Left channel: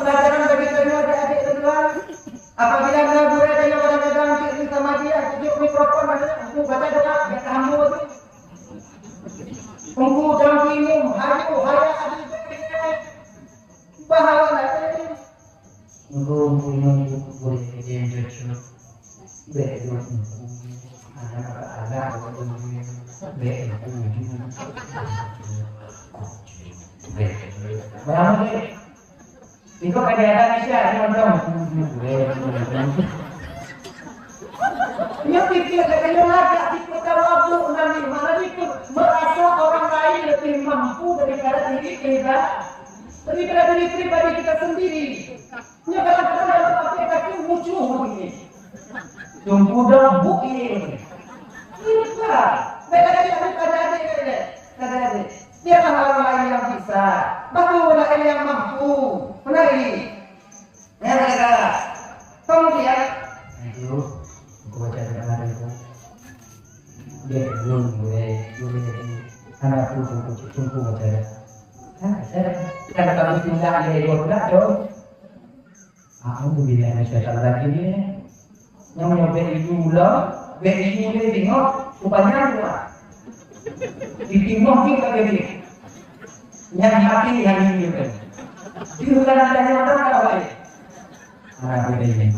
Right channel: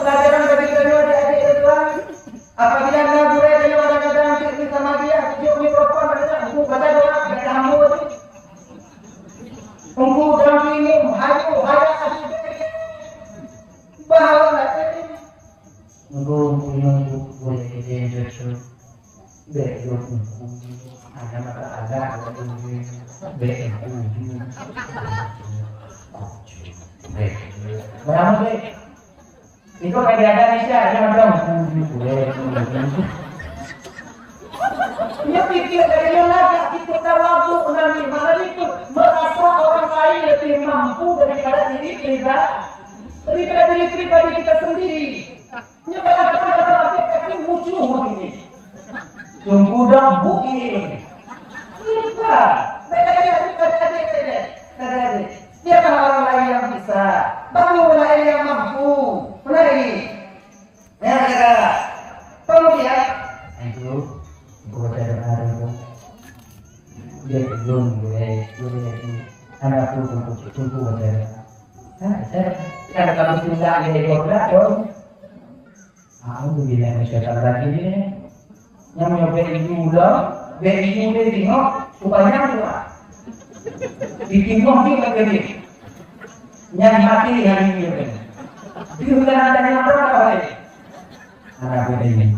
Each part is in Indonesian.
pelajaran bagi kedua adik-adik kedua. Apabila nak guru dia kadang-kadang cerita sama dia, tunjuk mikrofon banyak, aku baca doa, baca hamdu tu. Tunggu dalam minum, hayu, haya, adik-adik. Bahawalah. Tunggu boleh jadi betul. Betul. Ada berapa deh? Iko kegiatan Indonesia yang dong. Dia pikir katanya lagak itu tawabu nanti mana itu merasa orang lain lebih mampu daripada diri kita, daripada diri pribadi kita sendiri. Dia kadang-kadang dalam hati kaki muncul begini. Tunggu dong bukti. Bisa. Mereka ada adik. Dia kan orang lain yang bisa. Baru orang lain yang mampu. Benar ini. Ya kata. Kemudian. Itu gua cari hari itu. Dia belum boleh jadi anak tunggu baca. Saya ada kalau tidak ada goda dong. Aku tuh bilang saya lagi ni. Yang nyoba dulu. Beri dia tengok, rupanya kuat. Ditimbang dia lagi. Yang mati hari ini kan. Di bulan tadi mana apa lagi? Anak beda ini.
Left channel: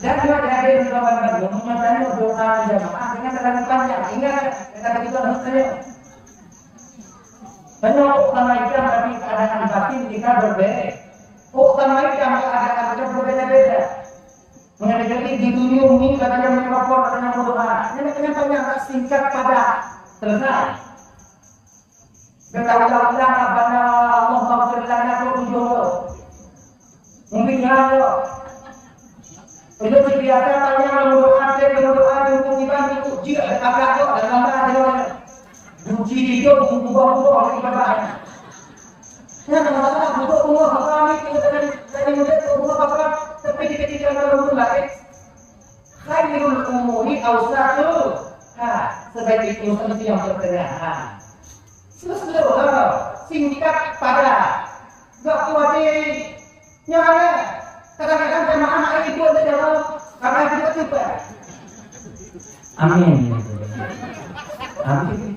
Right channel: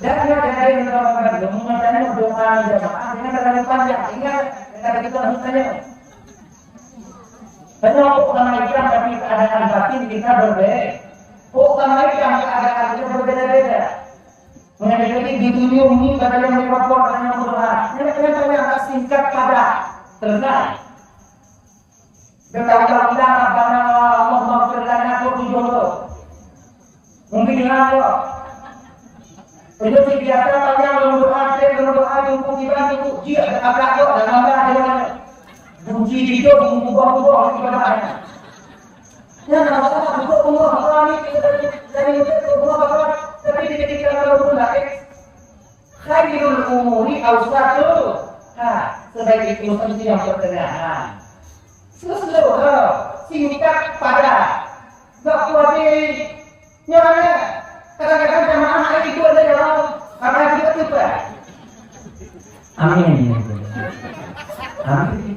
Dan juga ada yang kawan-kawan dong, matanya doa jamaah, ini terlalu panjang. Ingat kata kita harus tanya. Penyokok sama ikan tapi keadaan batin kita berbeda. Oh sama ikan keadaan kita berbeda-beda. Mengenai ditunjungi pada yang mikrofon katanya berdoa. Yang singkat padat selesai. Bertahun-tahun Rabbana Allah maghfir lana tujuh. Mungkin dengan Allah. Itu biasa panjang berdoa untuk dibantu dia agak ada nambah ada. Bunyi video mengubah-ubah ibadahnya. Yang masalah untuk Allah dari Allah tapi ketika kalau pun lagi khairul umuri awsatu. Sebaik itu mesti yang pertengahan. Singkat padat. Enggak kuat nyala. Kadang-kadang jamaah hari itu ada dalam karena itu tiba. Amin. Amin.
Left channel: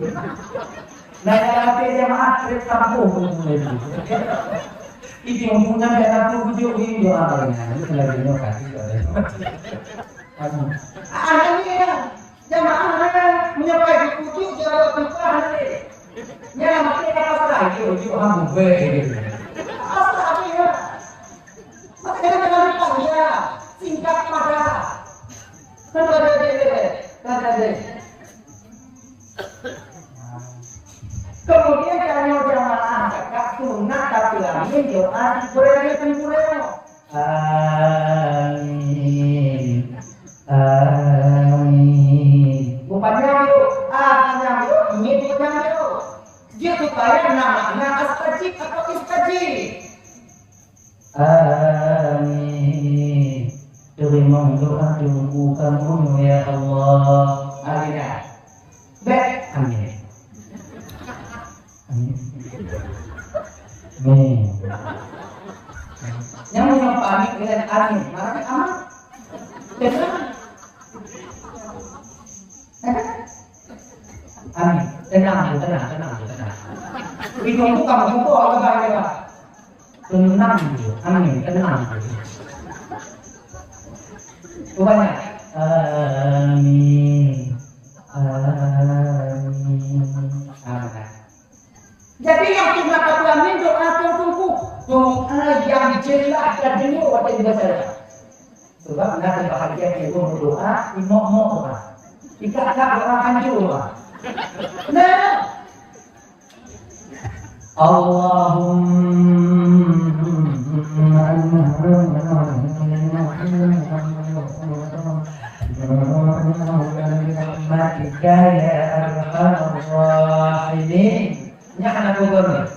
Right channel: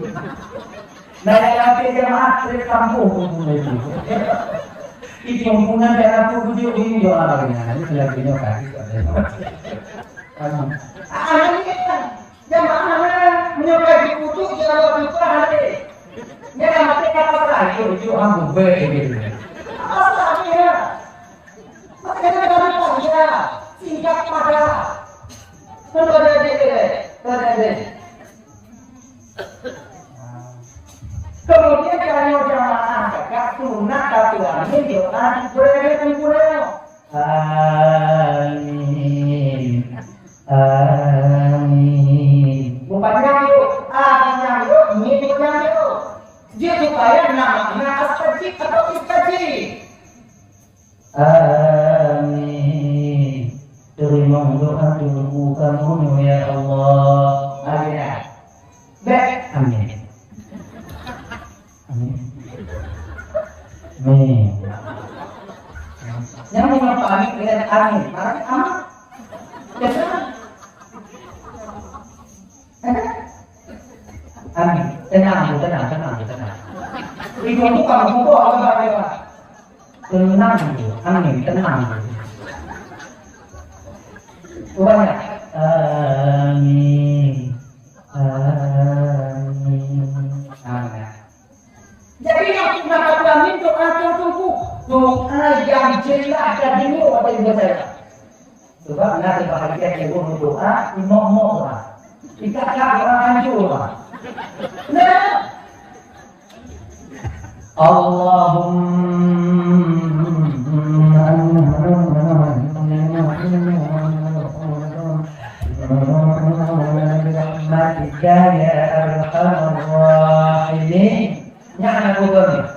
Nah, yang jamaah dari kampung itu. Itu yang punya daerah tuh di doa lainnya. Itu lagi nyokasi Anaknya jamaah menyukai kutu jawab itu hari. Nyala mati kata serah itu orang bube gitu. Asalnya. Makanya dengan panjang, singkat padat. Terjadi. Kemudian kalau jamaah kakak sunat tapi amin doa boleh tempurnya. Amin. Bukannya yuk, panjang yuk, ini panjang yuk. Dia supaya namanya astajib atau istajib. Amin. Terima doa kamu ya Allah. Amin. Baik. Amin. Amin. Yang paling dengan amin, makanya aman. Jangan. Amin. Tenang. Itu kamu buka itu bahaya. Tenang. Amin. Tenang. Rupanya. Amin. Jadi yang sunnah kata amin doa tunggu. Doa yang jelas dan jenuh waktu dibaca. Sebab nanti bahagia ibu berdoa, imam doa. Kita doa hancur. Nah, Allahumma rahmatika ya arhamar rahimin. Nyana budon.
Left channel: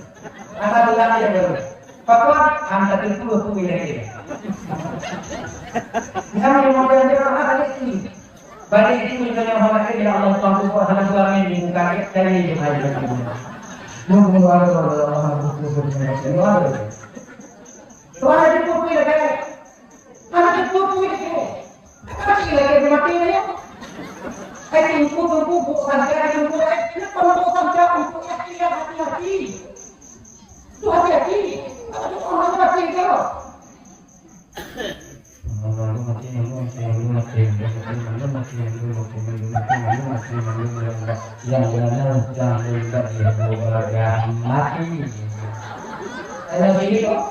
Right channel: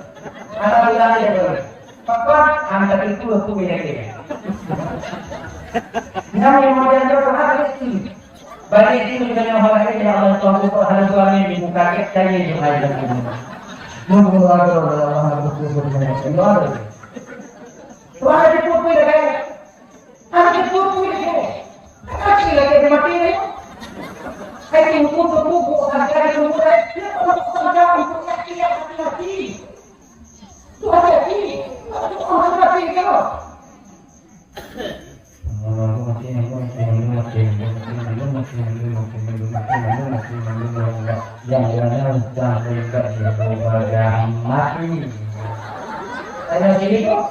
Ana bulan dia baru. Pakuan anda itu aku bilang. Yang model itu apa lagi? Balik itu dengan orang ini Allah Subhanahu wa taala di muka kita ini juga. Mungkin Allah semua ada. Tuan ada pupui lagi. Ada pupui lagi. Ada lagi mati ni. Ay tunggu bukan cara tunggu dia perlu sampai untuk hati-hati. Tu hati-hati. Orang mati kau. Saya sini kok.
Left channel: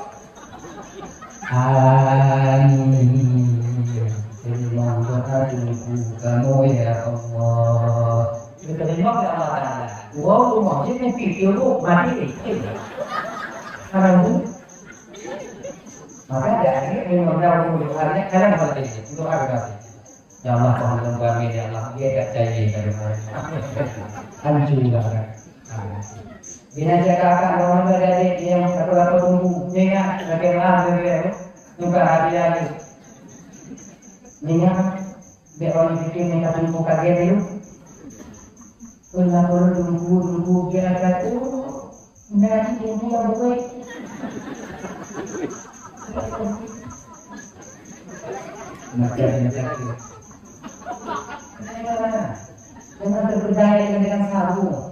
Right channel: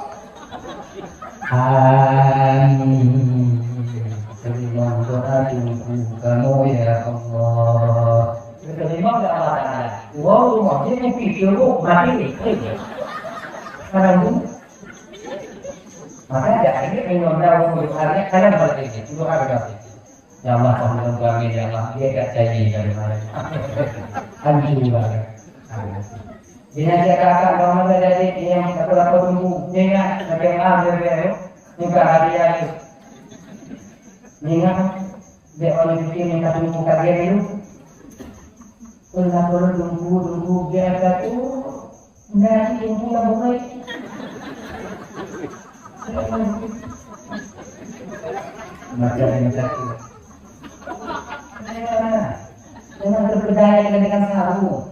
Terima doa kamu ya Allah. Terima ya Allah Taala. Wow, rumah ini video mati. Karena maka dari ini mengenal mengulangi kalian berarti itu berarti. Ya Allah Tuhan kami ya Allah dia tak janji dari mulai. Alhamdulillah. Bila saya katakan bahwa menjadi yang apa tunggu dia bagaimana dia bukan hati lagi. Ingat, dia orang bikin minta tunggu kalian dulu. Kalau tunggu biar satu nanti tunggu yang baik. Mati ada satu. Jangan terpedaya dengan saru.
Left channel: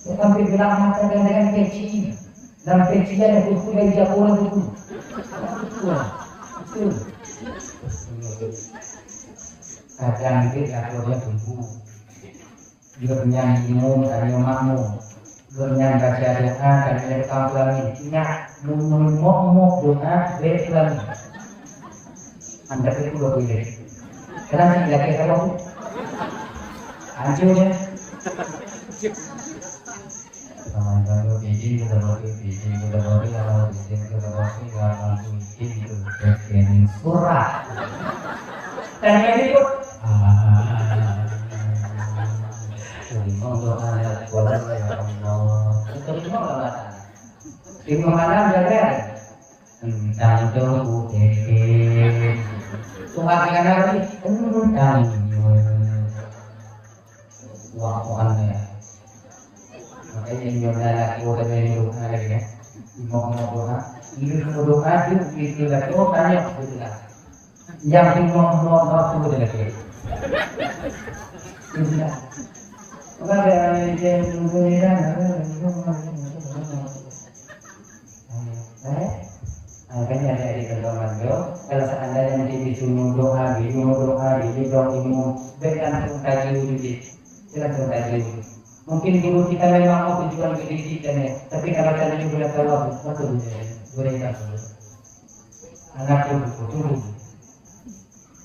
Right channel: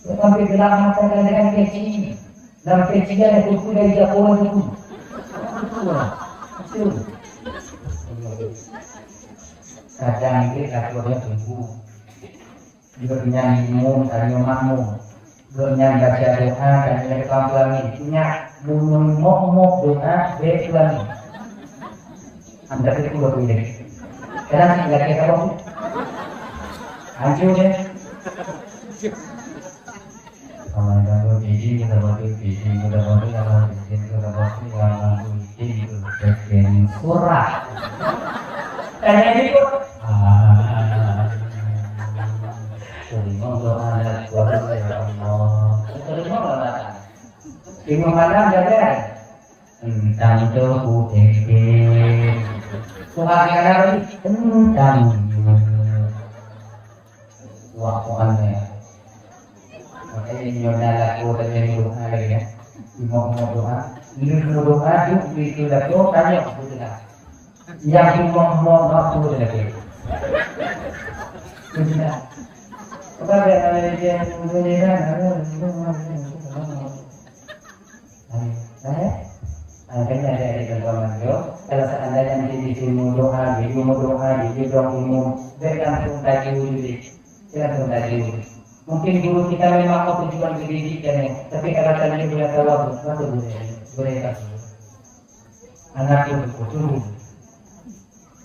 Sampai bilang mata dengan kecil. Dan kecilnya itu dari Jepun itu. Kadang kita kalau tunggu. Gernyang imum, tanya makmum. Gernyang baca doa, tanya kampung intinya mok doa belan. Anda itu boleh. Karena tidak kita tahu. Hancur ya. Kalau biji kalau surah. Tanya itu. Terima doa ya Allah. Terima doa. Terima malam jaga. Tentang doa keke. Cuma kena lagi tentang waktunya. Makanya ini adalah kuota dari doa lagi ya. Mau doa, ini doa itu lagi tanya kebetulan. Yang mau waktu lagi. Sudah. Kepada yang mengira makanya dari keluarga kalau seandainya nanti di sini doa, di umum bergantung tadi diri, bergantung tadi. Mungkin guru kita memang mau tujuan pendidikan, tapi kalau tadi sudah tahu apa boleh kasih. Anak itu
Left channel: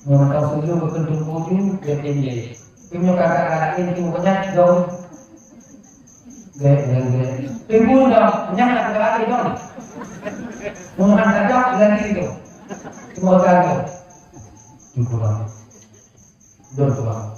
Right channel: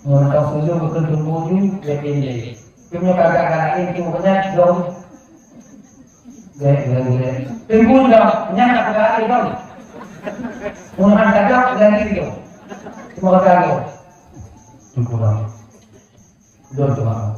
mau tahu susu betul tujuh dia tinggi. Cuma kakak-kakak itu banyak jauh. Gaya. Tunggu dong, banyak kakak itu. Muhammad saja ganti itu. Semua kali. Tunggu dong. Dua.